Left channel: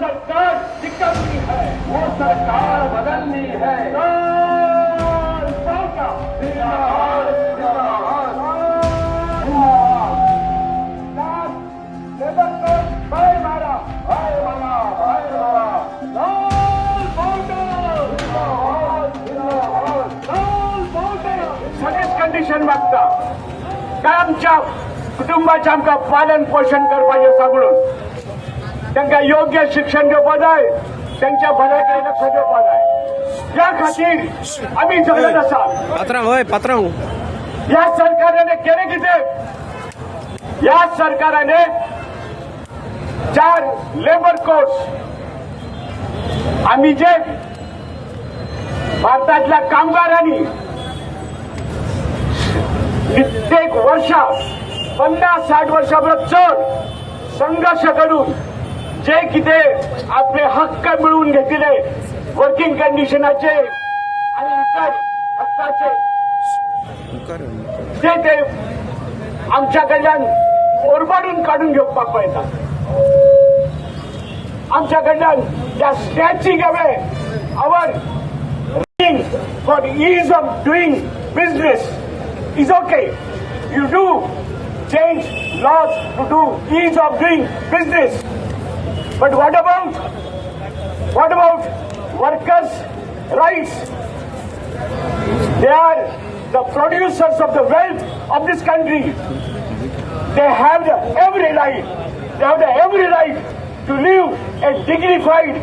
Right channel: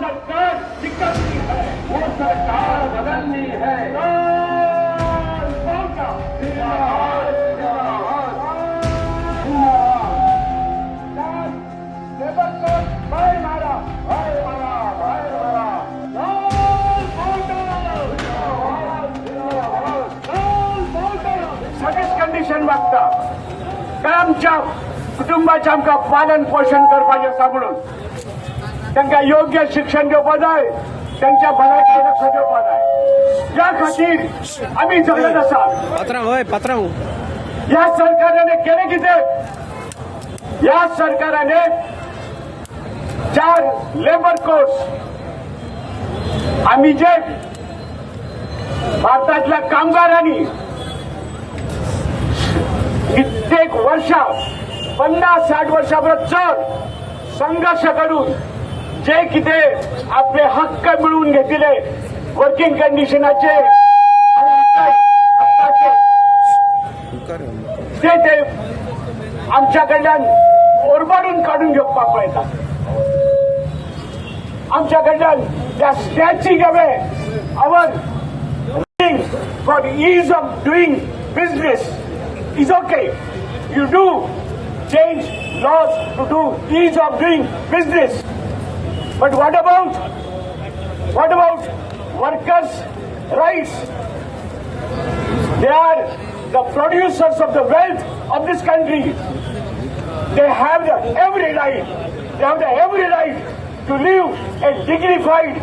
सरकार निकलनी है, वो सरकार बदलनी है। लेबर कोर्ट बाहेर मारा, बाहेर मारा, बाहेर मारा। स्वतःच कंडिशन मागता काय आमच्या कुटुंबाचे आमकां पालन पोषण करपाचें आसा म्हणून तांकां योग्य शिक्षण दिवपा जाय, तांच्या भलायकेर लक्ष दिवपा जाय। या खातीर आमी झगडत आसात। पात्रांव या सरकाराने केलें कितें? या सरकाराने 4 लेबर कोर्स आम्ही जे भारतातल्या कामगारांनी कित्येक वर्षा 50-60 वर्षांपर्यंत चड संघर्ष करून जे कितें आपले हक्क मिळवून घेतले वर्किंग कंडिशनाचे आणि इतर हक्काचे ते आमच्या कडल्यान ओरबाडून काढून घेवपाक पळयतात। आमच्या कडल्यान त्या snatching away our for the ease of doing business is okay. You do change laws to do ease of doing business. But what about workers' rights? They are the producers of the wealth of this country. They have every right to live a dignified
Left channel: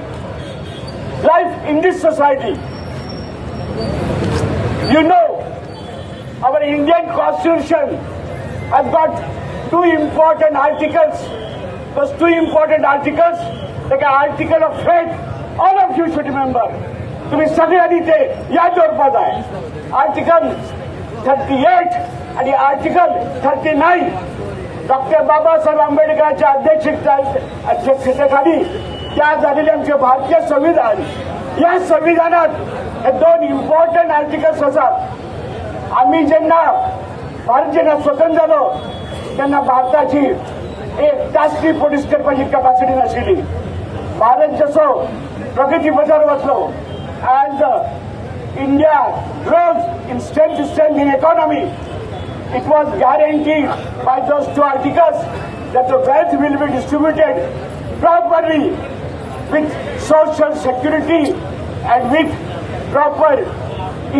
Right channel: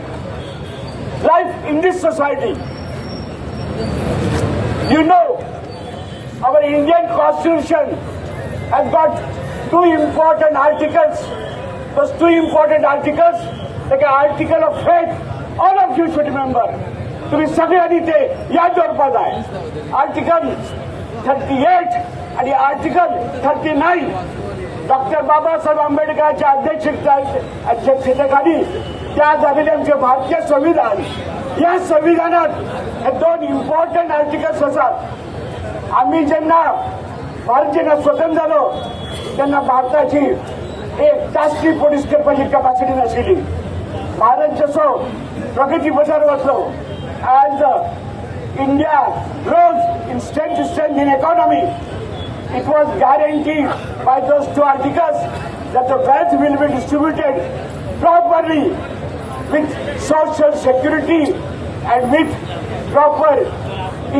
life in this society. You know, our Indian Constitution has got 2 important articles. Those 2 important articles, like an article of faith, all of you should remember. तुम्ही सगळ्यांनी ते याद दवरपा जाय। Article 38 आणि article 39 doctor Babasaheb आंबेडकरांच्या अध्यक्षतेखाली त्या झालेले आमचे भारतीय संविधान। या संविधानात हे 2 इम्पॉर्टंट आर्टिकल्स असतात। आम्ही भारत जेन्ना स्वतंत्र जालो तेन्ना भारताची एक राष्ट्रीय पोलीस करपाची कॅपॅसिटी नाशिल्ली। भारत जसो प्रगती पथार वचलो, as India grows in strength to strength in economy, it was guaranteed by those 2 articles that the wealth will be distributed properly with social security and with proper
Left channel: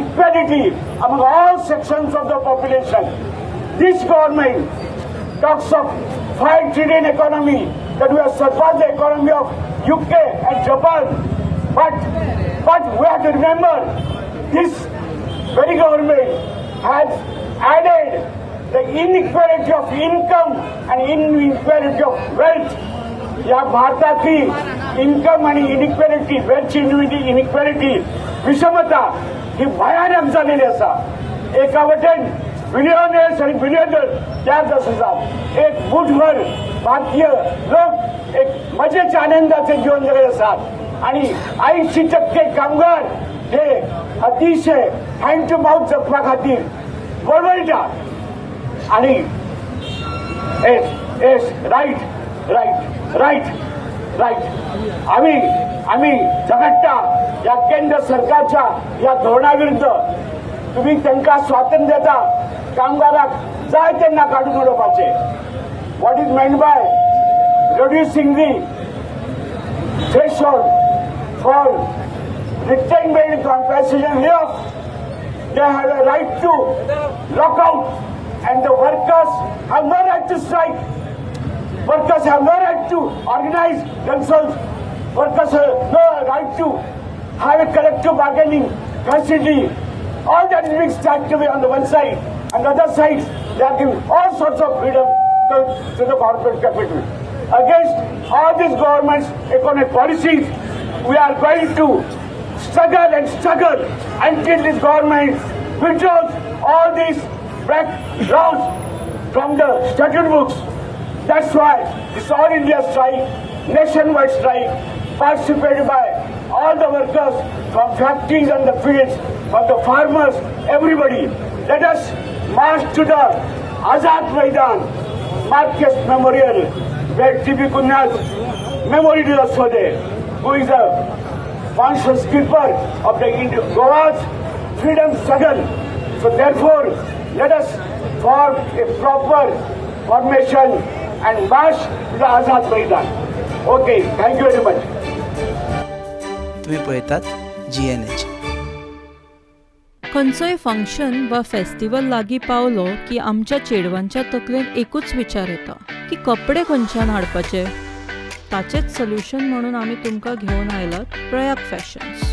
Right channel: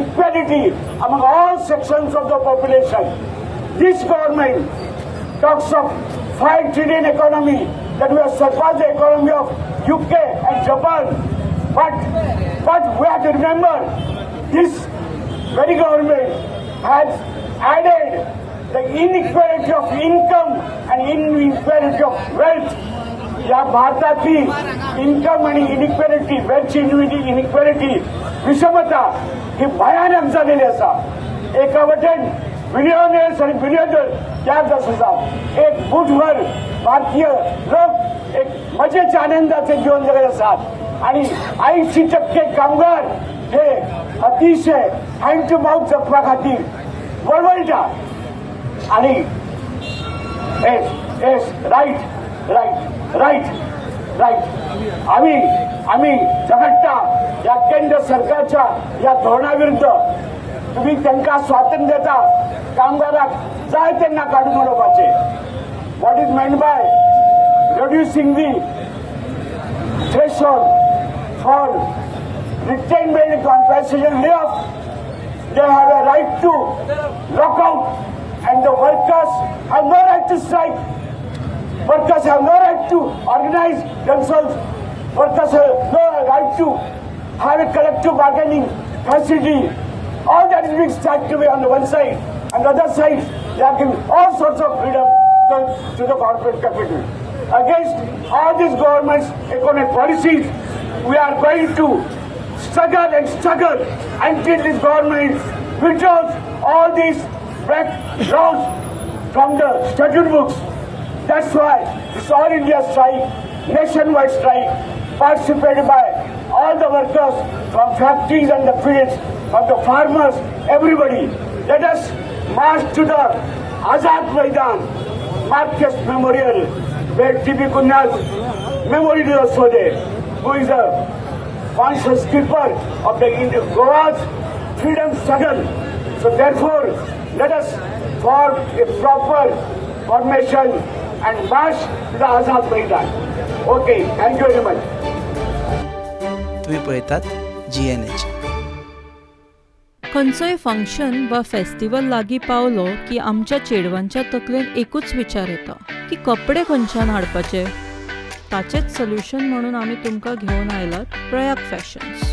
equality among all sections of the population. This government talks of 5 trillion economy, that we have surpassed the economy of UK and Japan. But we have to remember, this very government has added the inequality of income and inequality of wealth. या भारताची income आणि इनिक्वॅलिटी, wealth इनिक्वॅलिटी, विषमता ही भयानक झालेली असा। एका वटेन billionaires आणि बिलियनर त्याच आसात, एक मुठभर भारतीय लोक एक मजेच्या आनंदाचे जीवन जगत असतात आणि 80% कामगार हे अतिशय हँड टू माउथ जपण्या खातीर वळवळटा। आणि राईट आम्ही झगडटा या केंद्र सरकारच्या या धोरणाविरुद्ध। तुम्ही त्यांना स्वातंत्र्य देता, कामगाराक जाय तेन्ना काढून उडोवपाचे। What is meant by reducing the threshold for retained benefit compensation layoff? They have a right to lock out, and the workers have no right to strike. Workers have no right to organize themselves. Workers have no right to have a collective bargaining facility. All that is being stripped away on the one side, and the other side they are giving all sorts of freedom to the corporate capital. Against all these government's economic policies, we are going to struggle until this government withdraws all these back laws from the statute books. That's why this All India strike, nationwide strike, participated by all the workers from factories and the fields, from the farmers, everybody. Let us march to the Azad Maidan, Marcus Memorial, where T.B. Kunnas memorial also there, who is a conscious keeper of the Goa's freedom struggle. So therefore, let us form a proper formation and march to the Azad Maidan. Okay, thank you very much. तुम्ही पळयतात GNH. खंयचोय function वा festival लागीं Paulo की आमच्या चेडवांच्या तकलेन एकूच विचार येता की कपडे खंयच्यान हाडपाचे. ताचेच सोल्युशन म्हणून आमी तुमकां घेवन आयलात Prayag Fashions.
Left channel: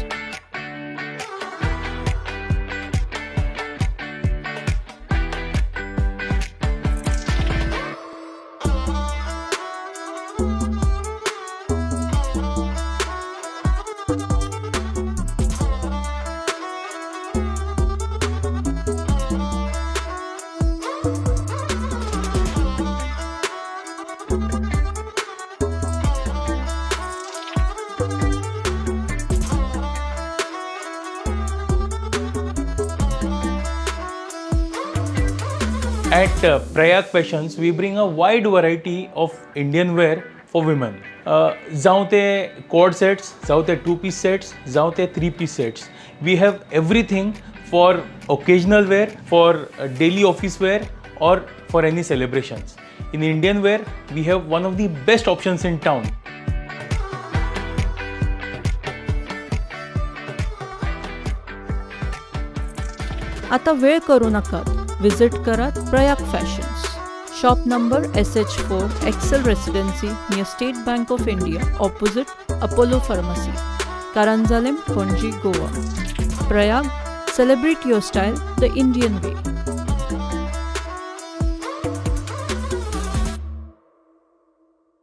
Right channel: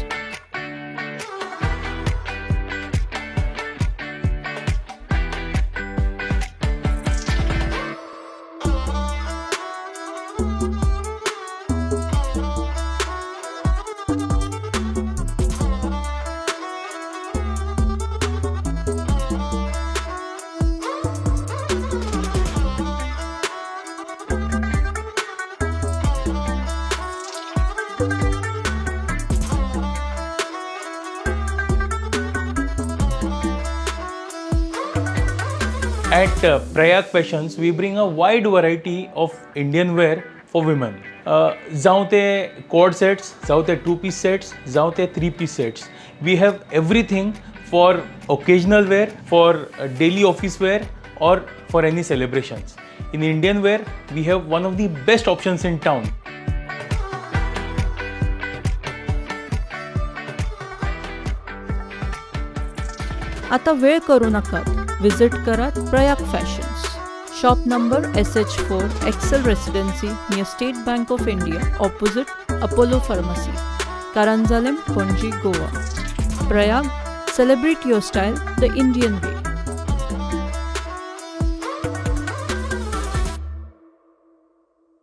At Prayag Fashions, we bring a wide variety of Indian wear for women. जावं ते cord sets, जावं ते 2-piece sets, जावं ते 3-piece sets. We have everything for occasional wear, for daily office wear, or for any celebrations. In Indian wear, we have one of the best options in town. आता वेळ करू नकात. Visit करात Prayag Fashions. Shop number SH4 Excel Residency near State Bank of India opposite Apollo Pharmacy, Caranzalem, Panaji, Goa. Prayag, celebrate your style the Indian way.